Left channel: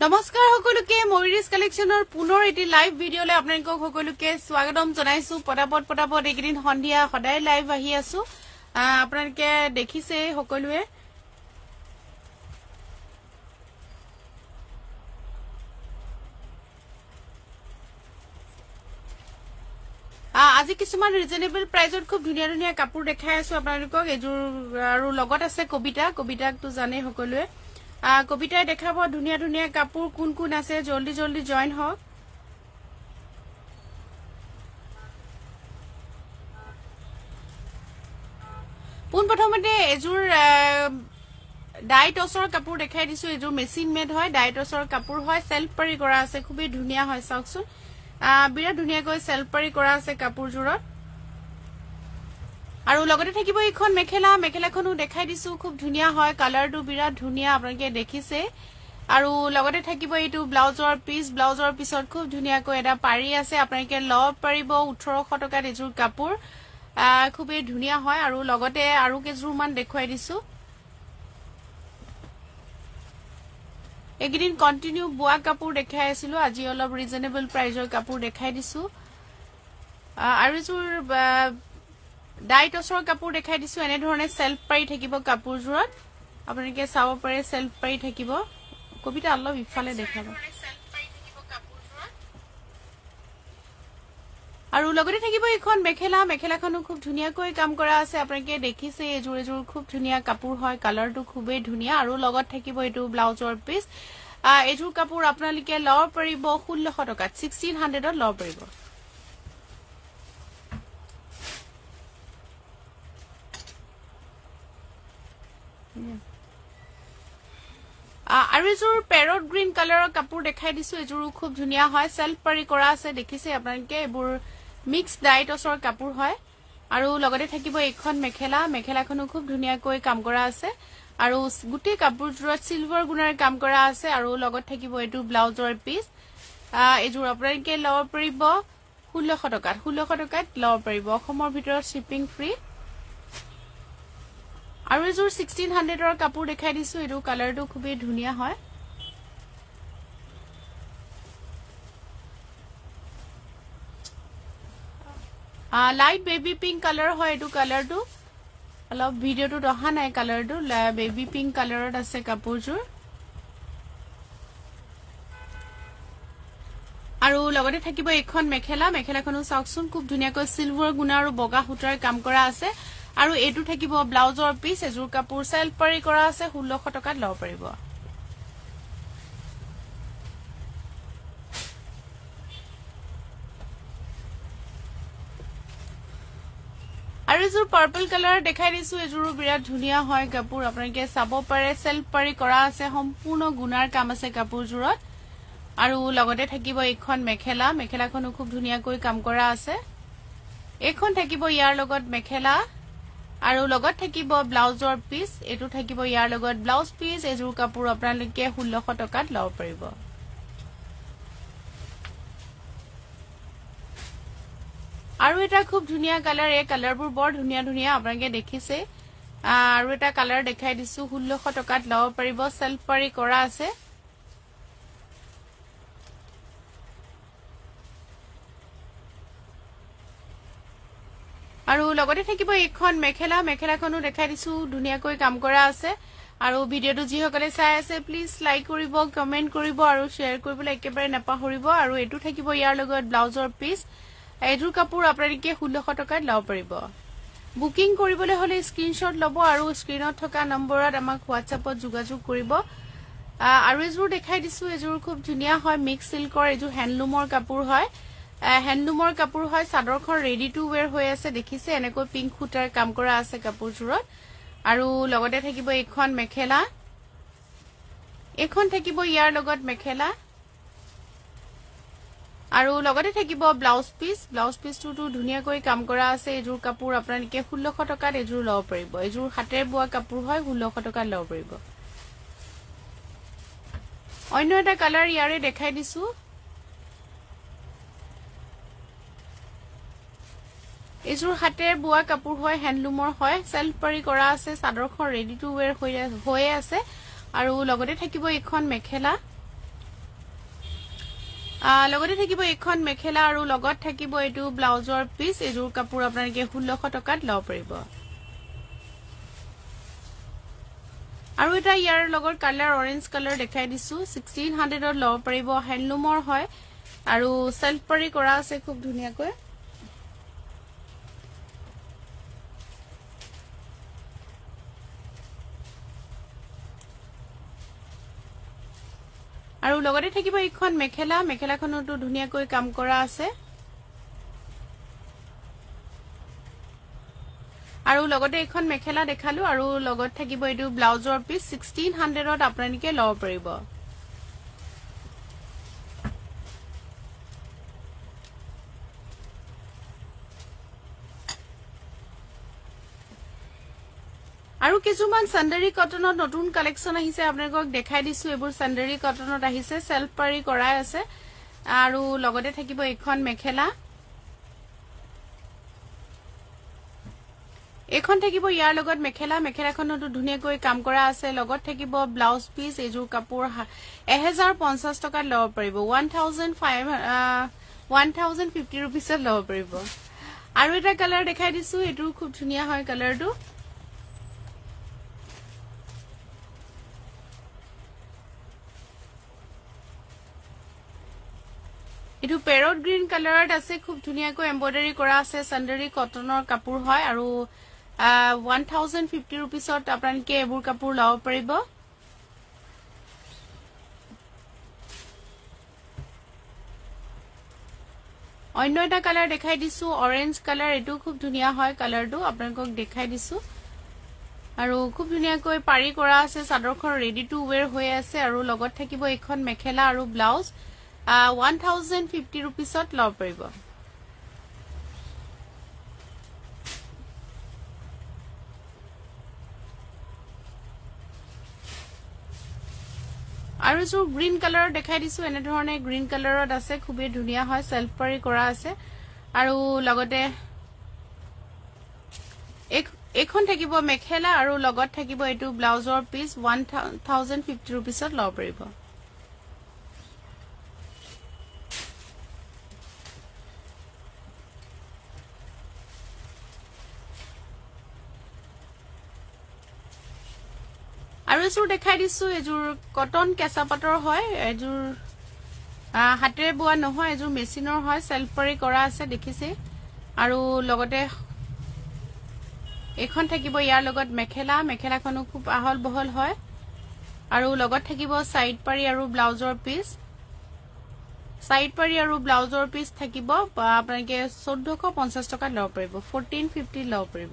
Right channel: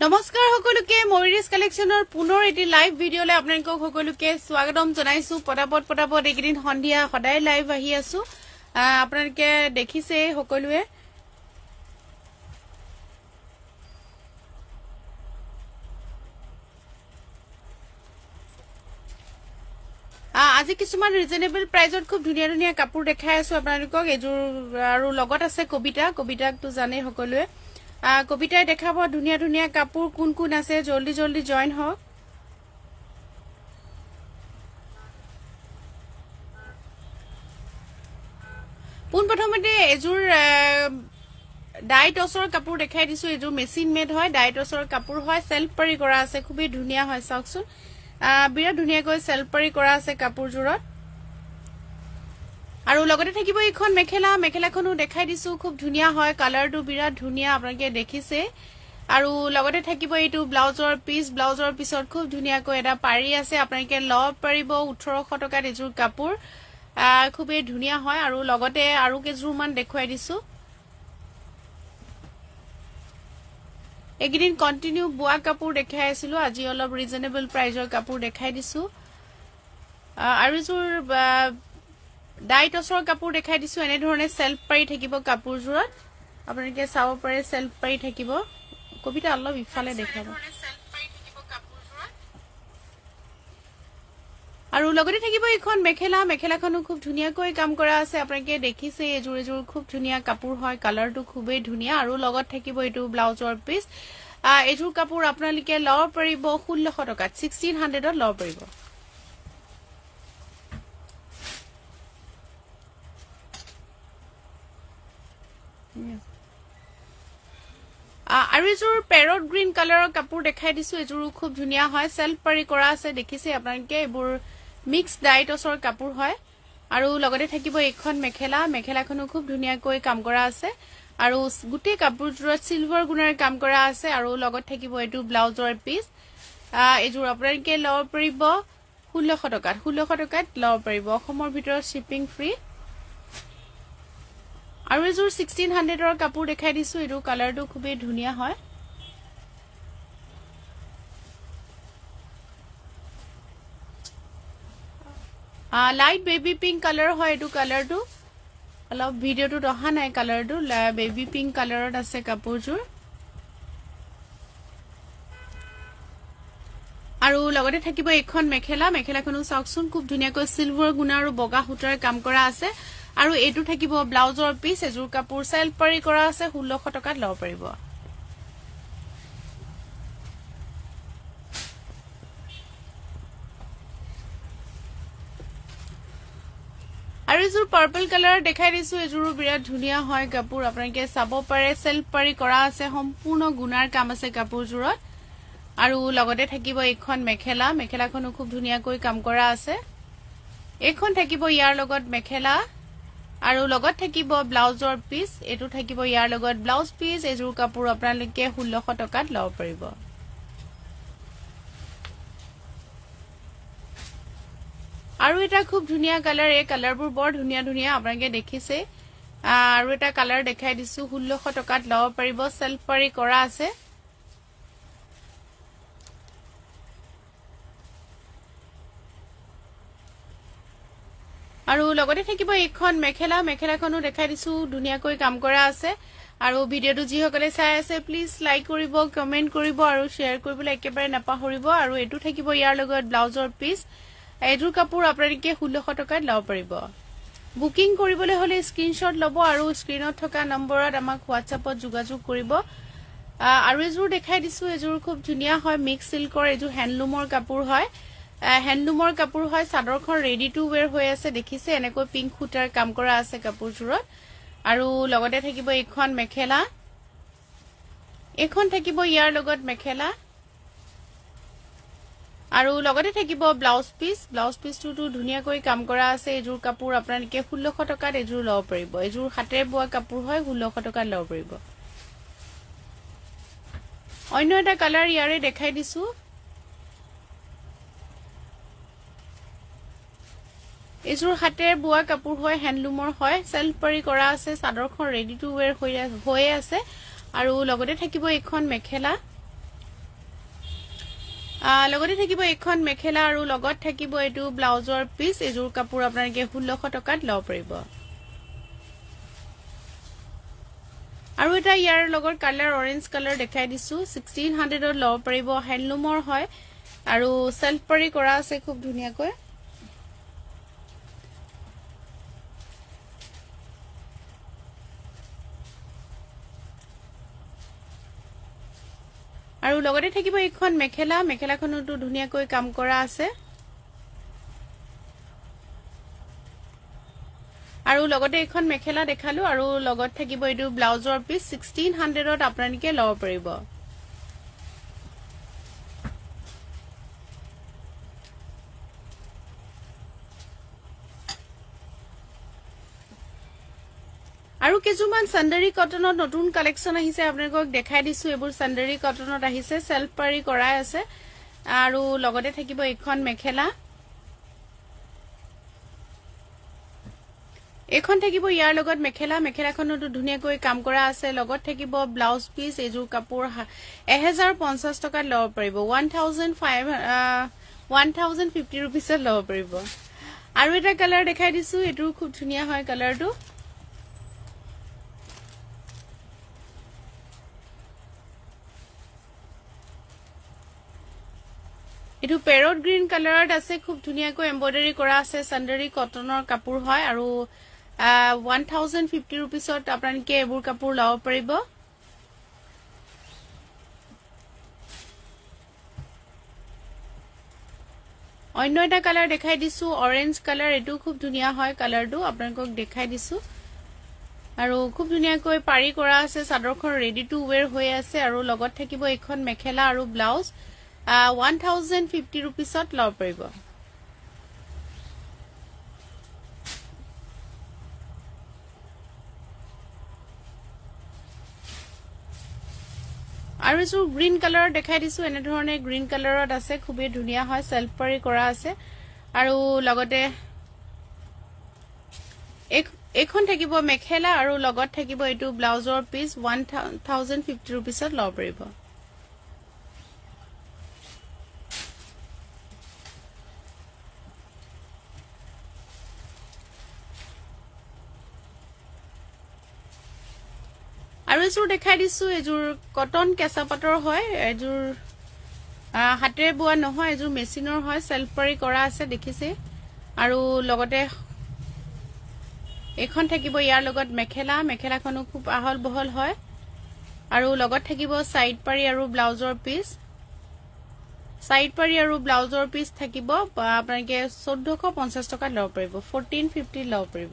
নমস্কাৰ সকলোকে ময়ূৰীজ কালেকশনৰ পুনৰ এটি লাইভ ভিডিঅলে আপোনালোকক সকলোকে স্বাগতম জনাইছো পটাপট এইদিন সন্ধিয়া সদায় লাইভ আহি আছো আপোনালোকে দেখিছে সকলোৱে আজি কিছুমান ৰিজনেবল প্ৰাইজত খুব ধুনিয়া ধুনিয়া কাপোৰ দেখাই আছো আপোনালোকক এজোৰ আৰু লগত আছে কবিতাকটো জানে সকলোৱে কবিতাই দেখাব ধুনিয়া ধুনিয়া কাপোৰ কোন কোন আছে জলদি জলদি জয়েন হওক পোন প্ৰথমতে এজোৰ ডাইটছৰ কাপোৰ দেখাই দিছো এজোৰ মেচিন মেড হয় ডাইটছৰ কাপোৰ হয় সেলফ পাৰি কৰা আছে খুবই ধুনিয়া হয় চাওকচোন বিৰাট ধুনিয়াকৈ সেলফ পাৰি কৰা আছে কাপোৰজোৰত আৰু লগতে থাকিব এইখন মেখেলাখনো দেখাই দিছো খুব ধুনিয়া হয় কালাৰটো বিৰাট ধুনিয়া আপোনালোকে দেখিছে আৰু লগতে থাকিব এইটো ব্লাউজৰ পিছত খুব ধুনিয়াকৈ এটা পাৰি আছে আপোনালোকে লব পাৰিব 1800 টকাত এজোৰ কাপোৰ খুবই ধুনিয়া হয় আৰু লগতে আৰু কেজোৰ মান দেখুৱাই দিছো এগিদিন কন্টিনিউ বুয়া কাপোৰ দেখাই আছিলো আজি অলপ ৰিজনেবল প্ৰাইজৰ কাপোৰ দেখাই দিছো আৰু এজোৰ ডাইটছৰ কাপোৰ দেখাই দিছো এনে ধৰণে সেলফ পাৰি থাকিব কাপোৰজোৰত আপোনালোকে চাব পাৰে সেলফ পাৰি থাকিব কবিতা অলপ ইফালে দেখাব আৰু লগতে থাকিব এইখন মেখেলাখনো খুব ধুনিয়াকৈ কাম কৰা আছে আপোনালোকে দেখিছে এজোৰ খুব ধুনিয়া কাপোৰ হয় কালাৰটো খুবেই ধুনিয়া আৰু লগত থাকিব এইটো ব্লাউজৰ পিস এজোৰ কাপোৰ আপোনালোকে লব পাৰিব 1600 টকাত 1600ত লব পাৰিব আৰু এজোৰ পেৰট গ্ৰীণ কালাৰৰ কাপোৰ দেখাই দিছো এজোৰ খুব ধুনিয়া হয় সেলফ পাৰি কৰা আছে দেখিছে আপোনালোকে এবোৰ মিক্স ডাইটছৰ কাপোৰ হয় আৰু লগতে থাকিব এইখন মেখেলাখনো খুব ধুনিয়াকৈ কাম কৰা আছে আৰু গুটি কাপোৰজোৰত সিলভাৰ গুণৰ কাম কৰা আছে আৰু লগত থাকিব এইটো ব্লাউজৰ পিস এজোৰ আপোনালোকে লব পাৰিব 1600 টকাত লব পাৰিব অসমৰ ভিতৰত শিপিং ফ্ৰী আৰু এজোৰ 1600ৰ কাপোৰ দেখাই দিছো এটো কালাৰটো খুবই ধুনিয়া হয় লাইট বেবি পিংক কালাৰ হয় এটো কালাৰটো অলপ ভিডিওটো অহা নাই কালাৰটো বেবি পিংক কালাৰত আছে কাপোৰজোৰ আৰু লগতে থাকিব এইখন মেখেলাখনো চাওকচোন খুব ধুনিয়াকৈ সিলভাৰ গুণা আৰু বগা সূতাৰ কাম কৰা আছে আৰু এটো থাকিব ব্লাউজৰ পিস এজোৰ কাপোৰ সেলফ পাৰি কৰা আছে 1600 টকাত লব পাৰিব আৰু এজোৰ পাৰ্পল কালাৰ দেখাই দিছো এজোৰ বিৰাট ধুনিয়া হয় কাপোৰ আপোনালোকে চাব পাৰে সেলফ পাৰি কৰা আছে সম্পূৰ্ণ গুণাৰ কাম আছে কাপোৰজোৰত আৰু লগতে থাকিব এইখন মেখেলাখনো খুব ধুনিয়াকৈ কাম কৰা আছে এইখন থাকিব ইয়াৰ লগত মেখেলা আৰু লগত থাকিব ব্লাউজৰ পিস এটো থাকিব ইয়াৰ লগত ব্লাউজ পিস এজোৰ কাপোৰ আপোনালোকে 1600 টকাত লব পাৰিব আৰু এটা খুব ধুনিয়া কালাৰ এই কালাৰবোৰ বৰ ধুনিয়া আপোনালোকে দেখিছে আৰু এটা কালাৰ দেখাই দিছো 1600 টকাত লব পাৰিব সেলফ পাৰি কৰা আছে আৰু লগতে থাকিব এইখন মেখেলাখনো দেখাই দিছো ধুনিয়াকৈ কাম কৰা আছে আৰু ভিডিওটো যি সকলে চাই আছে প্লিজ লাইক কৰিব কমেন্ট কৰিব আৰু শেয়াৰ কৰিবলৈ একেবাৰে নাপাহৰিব আৰু এটো থাকিব ইয়াৰ লগত ব্লাউজৰ পিস এজোৰ কাপোৰ আপোনালোকে 1600 টকাত লব পাৰিব বুকিং কৰিবলৈ হলে স্ক্ৰিনশ্বট লব আৰু স্ক্ৰিনত থকা নম্বৰত আমাক WhatsAppত যোগাযোগ কৰিব আৰু এজোৰ দেখাই দিছো এজোৰ খুব ধুনিয়া হয় মিক্স সিল্কৰ এজোৰ হ্যান্ডলুমৰ কাপোৰ হয় চাদৰখন ৰেডি টু ওয়্যাৰ হৈ আছে দেখিছে এনেকৈ পিংক সূতাৰ কাম কৰা আছে কাপোৰজোৰত আৰু লগতে থাকিব এইখন এইখন থাকিব ইয়াৰ লগত মেখেলা আৰু লগতে থাকিব ব্লাউজ পিসটো ধুনিয়াকৈ কাম কৰা আছে এজোৰ কাপোৰ আপোনালোকে 1600 টকাত এজোৰ লব পাৰিব এজোৰ হাতেৰে বোৱা কাপোৰ হয় 1600 টকাত লব পাৰিব অন্য এটা কালাৰ ইয়াৰে দেখাই দিছো এজোৰ হাতেৰে বোৱা কাপোৰ হয় হ্যান্ডলুমৰ হয় সেলফ পাৰি কৰা আছে চাদৰখন ৰেডি টু ওয়্যাৰ হৈ আছে আৰু লগতে থাকিব এইখন মেখেলা লগতে থাকিব এখন মেখেলা আৰু লগত থাকিব এটো ব্লাউজৰ পিস এজোৰ কাপোৰ আপোনালোকে 1600 টকাত লব পাৰিব আৰু এটা ইয়াৰ লগৰ কালাৰ অৰেঞ্জ কালাৰ দেখাই দিছো 1600 ত লব পাৰিব হ্যান্ডলুমৰ হয় আৰু সেলফ পাৰি কৰা আছে খুব ধুনিয়াকৈ আৰু লগতে থাকিব এখন মেখেলা মেখেলাখনটো ধুনিয়াকৈ কাম কৰা আছে আৰু লগতে এখন মেখেলা দেখালো আৰু লগত থাকিব এটো ব্লাউজৰ পিস 1600 ত আপোনালোকে লব পাৰিব আৰু কিছুমান সান্ডাৰী কটনৰ নতুন কালেকচন আহিছে আপোনালোকক দেখাই দিছো এবোৰ সান্ডাৰী কটনত আহিছে সেলফ পাৰি কৰা আছে আৰু লগতে থাকিব এখন মেখেলা এখন থাকিব ইয়াৰ লগত মেখেলা মেখেলাখনটো ধুনিয়াকৈ কাম কৰা আছে লগত থাকিব ব্লাউজ পিস এজোৰ কাপোৰ 1050 টকাত লব পাৰিব 1050 रुपीसত লব পাৰিব আৰু এটা কালাৰ দেখাই দিছো এটো খুব ধুনিয়া হয় কালাৰটো এটো পেৰট গ্ৰীন কালাৰত আছে খুব ধুনিয়াকৈ এমব্ৰয়ডাৰী কৰা আছে সান্ডাৰী কটনৰ কাপোৰ হয় আৰু 1050 रुपीसত আপোনালোকে এবোৰ কাপোৰ লব পাৰিব অন্য এটা কালাৰ দেখাই দিছো অৰেঞ্জ কালাৰ এটো খুব ধুনিয়া হয় কালাৰটো আপোনালোকক দেখাই দিছো আৰু খুব ধুনিয়াকৈ পাৰি কৰা আছে চাদৰখন ৰেডি টু ওয়্যাৰ হৈ আছে আৰু লগত থাকিব এখন মেখেলা আৰু ব্লাউজ 1050 रुपीसत লব পাৰিব আৰু এজো গ্ৰীন কালাৰ দেখাই দিছো এনে ধৰণে গ্ৰীন কালাৰত আছে খুবই ধুনিয়া হয় সেলফ পাৰি কৰা আছে আৰু লগতে এখন থাকিব মেখেলা আৰু লগত থাকিব এটো ব্লাউজৰ পিস 1050 रुपीसत লব পাৰিব আৰু এজোৰ দেখাই দিছো এজোৰ কটন কেঁচা পাটৰ হয় এজোৰ হাতেৰে বোৱা নহয় এজোৰ মেচিনৰ হয় সেলফ পাৰি কৰা আছে দেখিছে আৰু লগতে এখন থাকিব ইয়াৰ লগত মেখেলা মেখেলাখনো খুব আহল বহল হয় আৰু লগত থাকিব সাইড পাৰি আৰু ব্লাউজৰ পিস সাইড পাৰি আৰু ব্লাউজৰ পিস থাকিব আপোনালোকে 1450 টকাত লব পাৰিব 1450 লব পাৰিব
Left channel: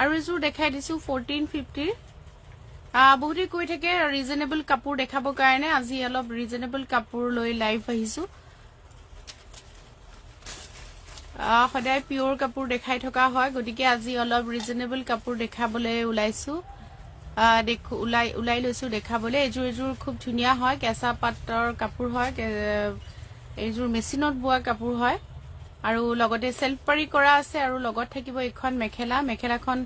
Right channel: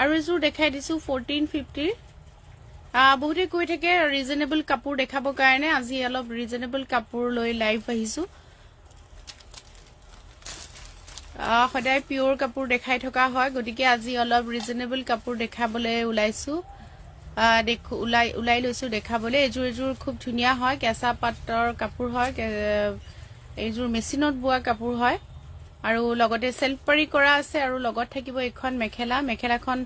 আৰু এজোৰ দেখাই দিছো 1450 বহুতে কৈ থাকে ৰিজনেবল কাপোৰ দেখাব কাৰণে আজি অলপ ৰিজনেবল কাপোৰ লৈ লাইভ আহিছো সদায় পিওৰ কাপোৰ দেখাই থকা হয় গতিকে আজি অলপ ৰিজনেবল কাপোৰ দেখাবলৈ ওলাইছো ওলাই লৈছো দেখাবলৈ এজোৰ খুব ধুনিয়া হয় কেঁচা পাটৰ কাপোৰ হয় এজোৰ মেচিনত বোৱা কাপোৰ হয় আৰু লগতে সেলফ পাৰি কৰা আছে আৰু লগত থাকিব এখন মেখেলা মেখেলাখন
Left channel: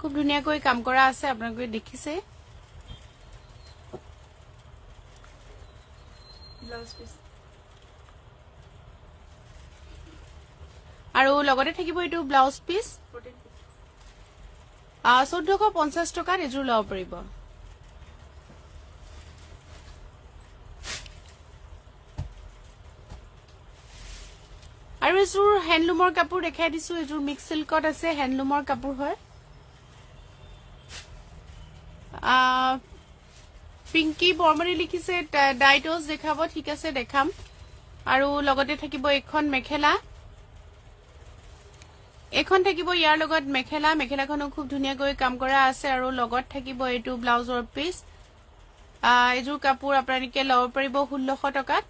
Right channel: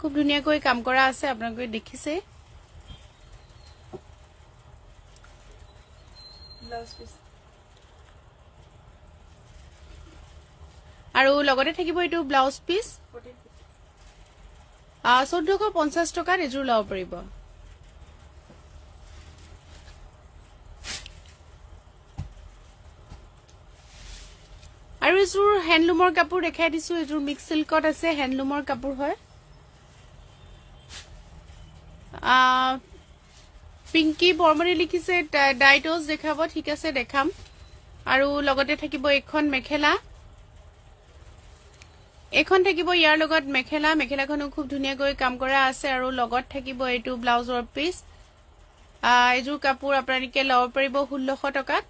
খুব ধুনিয়াকৈ কাম কৰা আছে আপোনালোকে দেখিছে ব্লাউজ পিস আৰু লগতে থাকিব এটো ব্লাউজ পিস 1450 টকাত এজোৰ লব পাৰিব আৰু এজোৰ হ্যান্ডলুমৰ কাপোৰ দেখাই দিছো এজোৰ মিক্স সিল্কত আছে হ্যান্ডলুমৰ কাপোৰ হয় পিঙ্কি বৰ্মনী লিখিছে ডাইটস দেখাব ঠিক আছে দেখাম আৰু লগতে থাকিব এখন মেখেলা এখন থাকিব ইয়াৰ লগত মেখেলা মেখেলাখনো খুব ধুনিয়াকৈ কাম কৰা আছে আৰু লগত থাকিব এটো ব্লাউজৰ পিস এজোৰ কাপোৰ আপোনালোকে লব পাৰিব 1600 টকাত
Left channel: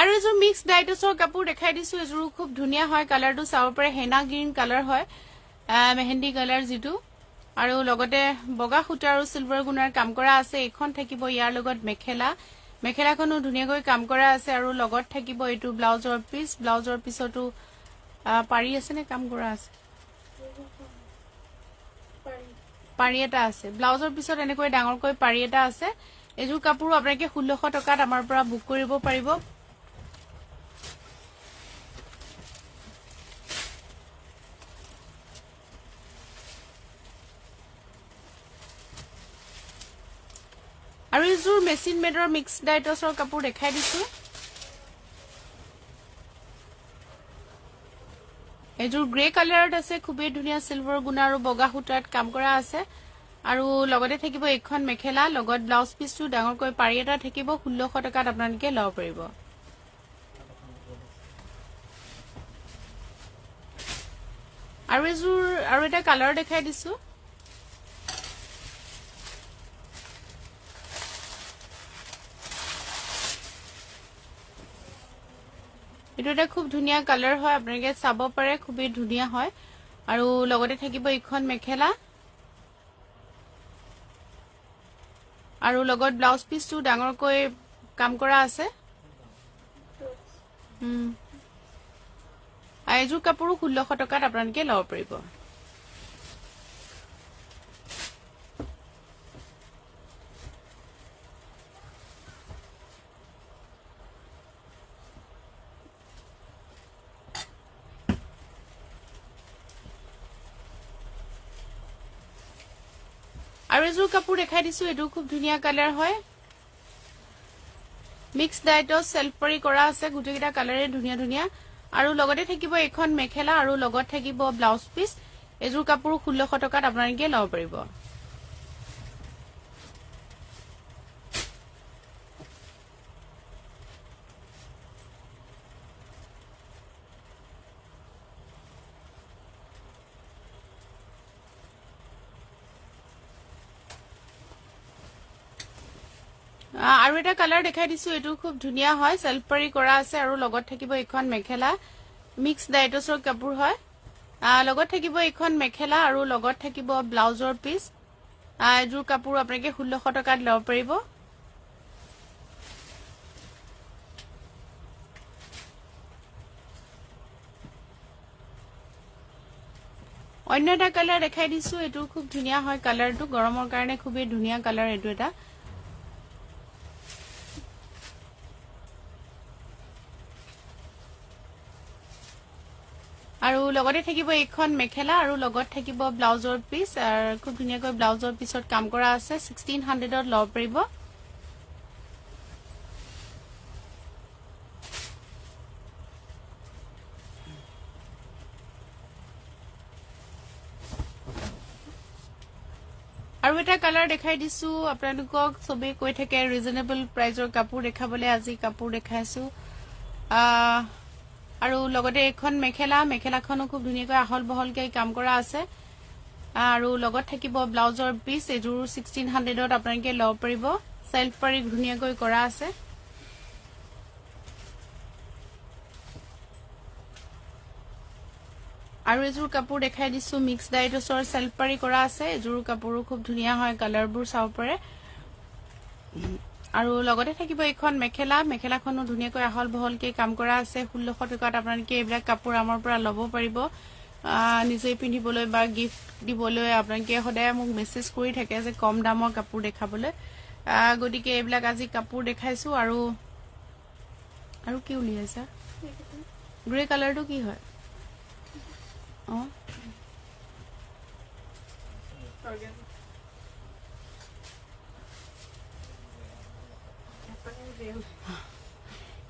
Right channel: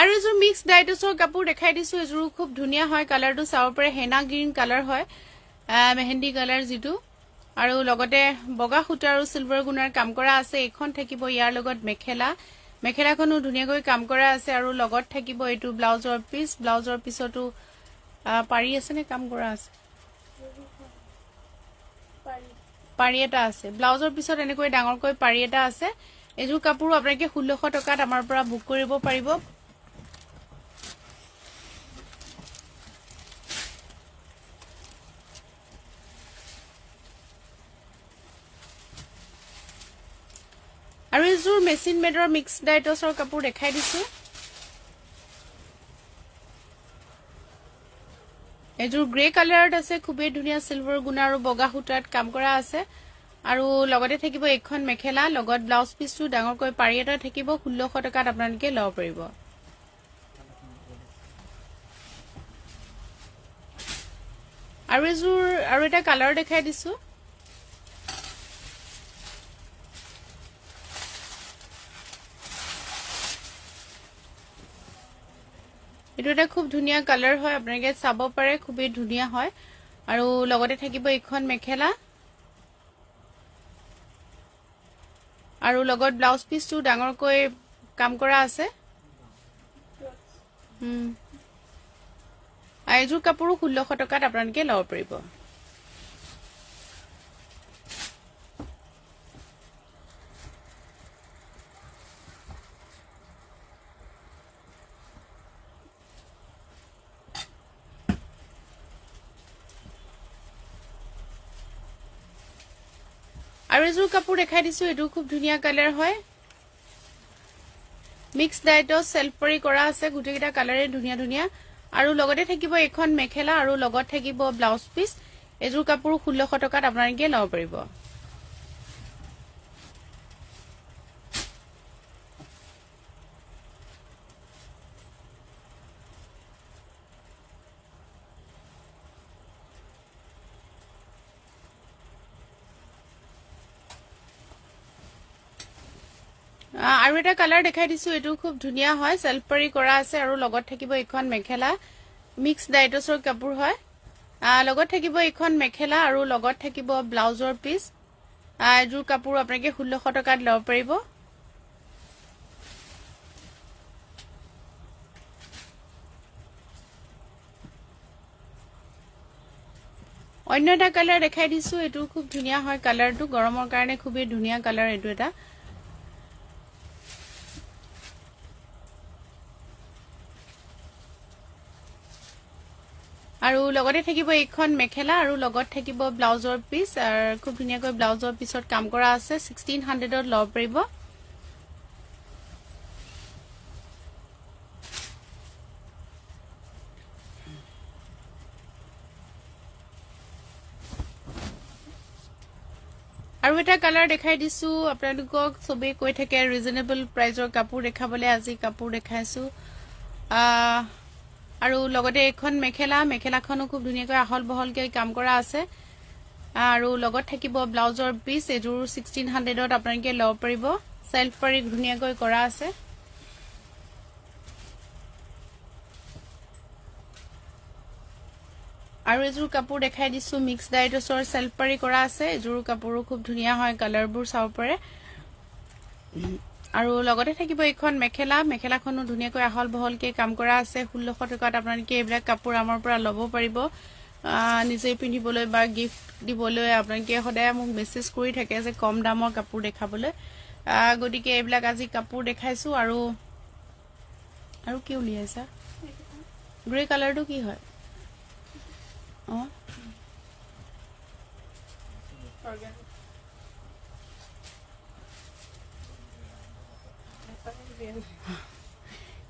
আৰু এজোৰ মিক্স ডাইটছৰ কাপোৰ দেখাই দিছো এজোৰ খুব ধুনিয়া হয় কালাৰটো চাও পৰে হেনা গ্ৰীন কালাৰ হয় মেহেন্দি কালাৰ যিটো আৰু লগতে বগা সূতা আৰু সিলভাৰ গুণাৰ কাম কৰা আছে এখন থাকিব ইয়াৰ লগত মেখেলাখনো ধুনীয়াকৈ কাম কৰা আছে আৰু লগত থাকিব এইটো ব্লাউজৰ পিছতো পাৰি আছে নে কাম কৰা আছে পাৰি এটা আছে ব্লাউজৰ পিছত এনেকৈ ডাঙৰকৈ পাৰি এটা আছে এযোৰ কাপোৰ আপোনালোকে 1600 টকাত আমাৰ পৰা বুক কৰিব পাৰিব আৰু এযোৰ মেচিন মেডৰ মিক্স ডাইটছৰ কাপোৰ দেখাই দিছো এযোৰ গ্ৰে কালাৰত আছে খুবেই ধুনীয়া সিলভাৰ গুণা আৰু বগা সূতাত কাম কৰা আছে আৰু লগতে থাকিব এখন মেখেলা লগত ব্লাউজ পিছটো ডাঙৰকৈ পাৰি এটা থাকিব 1600 টকাত আপোনালোকে লব পাৰিব আৰু এযোৰ আৰু এটা কালাৰ দেখাই দিছো এটো এটা খুব ধুনীয়া কালাৰ হয় আপোনালোকে চাব পাৰে খুবেই ধুনীয়া হয় আৰু লগতে থাকিব এখন মেখেলা আৰু লগত ব্লাউজ পিছটো ডাঙৰকৈ কাম কৰা আছে এযোৰ কাপোৰ 1600 টকাত আপোনালোকে লব পাৰিব আৰু এযোৰ কাপোৰ দেখাই দিছো এটো খুব ধুনীয়া কালাৰ হয় মিক্স ডাইটছ সেলফ পৰি কৰা আছে গুটেকিটা কালাৰে ধুনীয়া আৰু লগতে থাকিব এখন মেখেলা আৰু লগত থাকিব ব্লাউজ পিস এযোৰ কাপোৰ 1600 টকাত আপোনালোকে লব পাৰিব আৰু এটা কালাৰ দেখাই দিছো এটো খুব ধুনীয়া হয় সেলফ পৰি কৰা আছে আৰু লগত থাকিব এখন মেখেলা মিক্স ডাইটছৰ কাপোৰ হয় লগত থাকিব এখন মেখেলা আৰু লগত থাকিব ব্লাউজৰ পিস এযোৰ কাপোৰ আপোনালোকে 1600 টকাত লব পাৰিব অন্য এটা কালাৰ দেখাই দিছো এটো খুব ধুনীয়া হয় কালাৰটো গৰমৰ কাৰণে খুবেই ধুনীয়া কালাৰ এটো এটা আৰু লগতে থাকিব এখন মেখেলা আৰু লগত থাকিব ব্লাউজৰ পিস আৰু খুব ধুনীয়াকৈ ব্লাউজৰ পিছত কাম কৰা আছে 1600 ত লব পাৰিব আৰু এটা কালাৰ দেখাই দিছো আপোনালোকক সবে কৈ থাকে ৰিজনেবল প্ৰাইজৰ কাপোৰ দেখাবলে আজি কাপোৰ দেখাইছো আৰু লগতে এখন মেখেলাখনো খুব ধুনীয়াকৈ আহল বহলকৈ কাম কৰা আছে আৰু লগত থাকিব ব্লাউজৰ পিস এযোৰ 1600 ত আপোনালোকে লব পাৰিব সেলফ পৰি ধুনীয়াকৈ কৰা আছে আৰু এযোৰ কাপোৰ দেখাই দিছো মিক্স ডাইটছৰ সেলফ পৰি কৰা আছে এযোৰ কাপোৰো খুব ধুনীয়া হয় কালাৰবোৰ চাব পাৰে আৰু লগতে থাকিব এখন মেখেলাখনো ধুনীয়াকৈ আহল বহলকৈ কাম কৰা আছে 1600 টকাত আপোনালোকে এইবিলাক কাপোৰ আমাৰ পৰা লব পাৰিব নিজে পিন্ধিবলৈ বা গিফট দিবলৈ আপোনালোকে সদায় মোক মেছেজ কৰি থাকে যে কম দামৰ কাপোৰ দেখাবলৈ গতিকে এইবিলাক আজি কাপোৰ দেখাইছো আৰু কি উলিয়াইছা গ্ৰে কালাৰটো কি হয়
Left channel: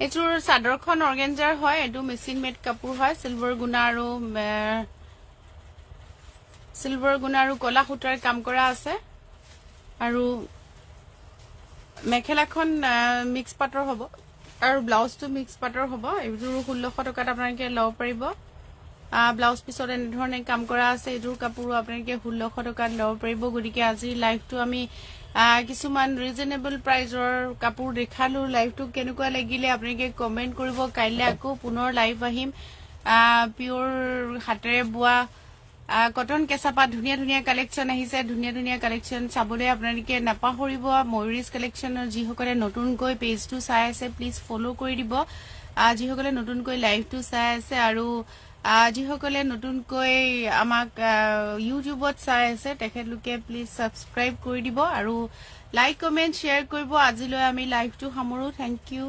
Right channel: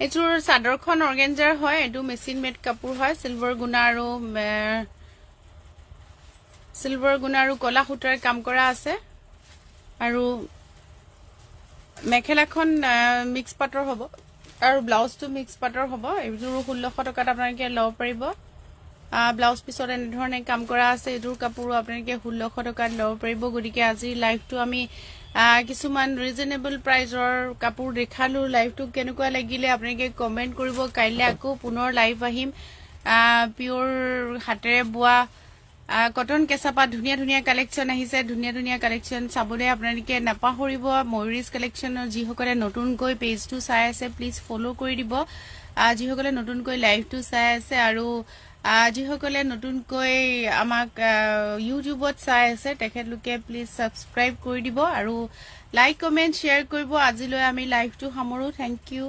এযোৰ চাদৰখন অৰ্গেঞ্জাৰ হয় এটো মেচিন মেড কাপোৰ হয় সিলভাৰ গুণা আৰু কলা সূতাৰ কাম কৰা আছে আৰু মেখেলাখন মিক্স পাটৰ হ'ব আৰু ব্লাউজটো মিক্স পাটৰ হ'ব এযোৰ 1600 টকাত আপোনালোকে লব পাৰিব ব্লাউজ পিছত এনে ধৰণে কাম কৰা আছে এযোৰ কাপোৰ আপোনালোকে 1600 টকাত লব পাৰিব গতিকে আজি লাইভটো আমি কিছুমান ৰিজনেবল প্ৰাইজৰ কাপোৰ দেখালো লাইভটো কেনেকুৱা লাগিলে আপোনালোকে কমেন্ট কৰিব কাইলে আকৌ পুনৰ লাইভ আহিম পিওৰ হাতেৰে বোৱা কটন কেঁচাপাত ধুনীয়া ধুনীয়া কালেকশ্যন আহিছে ধুনীয়া ধুনীয়া কালেকশ্যন চাবলৈ আপোনালোকে নাপাহৰিব ময়ূৰিজ কালেকশ্যনৰ যিসকলে নতুনকৈ পেজটো চাই আছে প্লিজ ফলো কৰি দিব যিসকলে নতুনকৈ লাইভটো চাই আছে আৰু যিসকলে নতুনকৈ আমাক ইউটিউবত চাই আছে তেখেতলোকে প্লিজ সাবস্ক্ৰাইব কৰি দিব আৰু লাইক কমেন্ট শ্বেয়াৰ কৰিব আজিলৈ আমি লাইভটো সামৰো থ্যাংক ইউ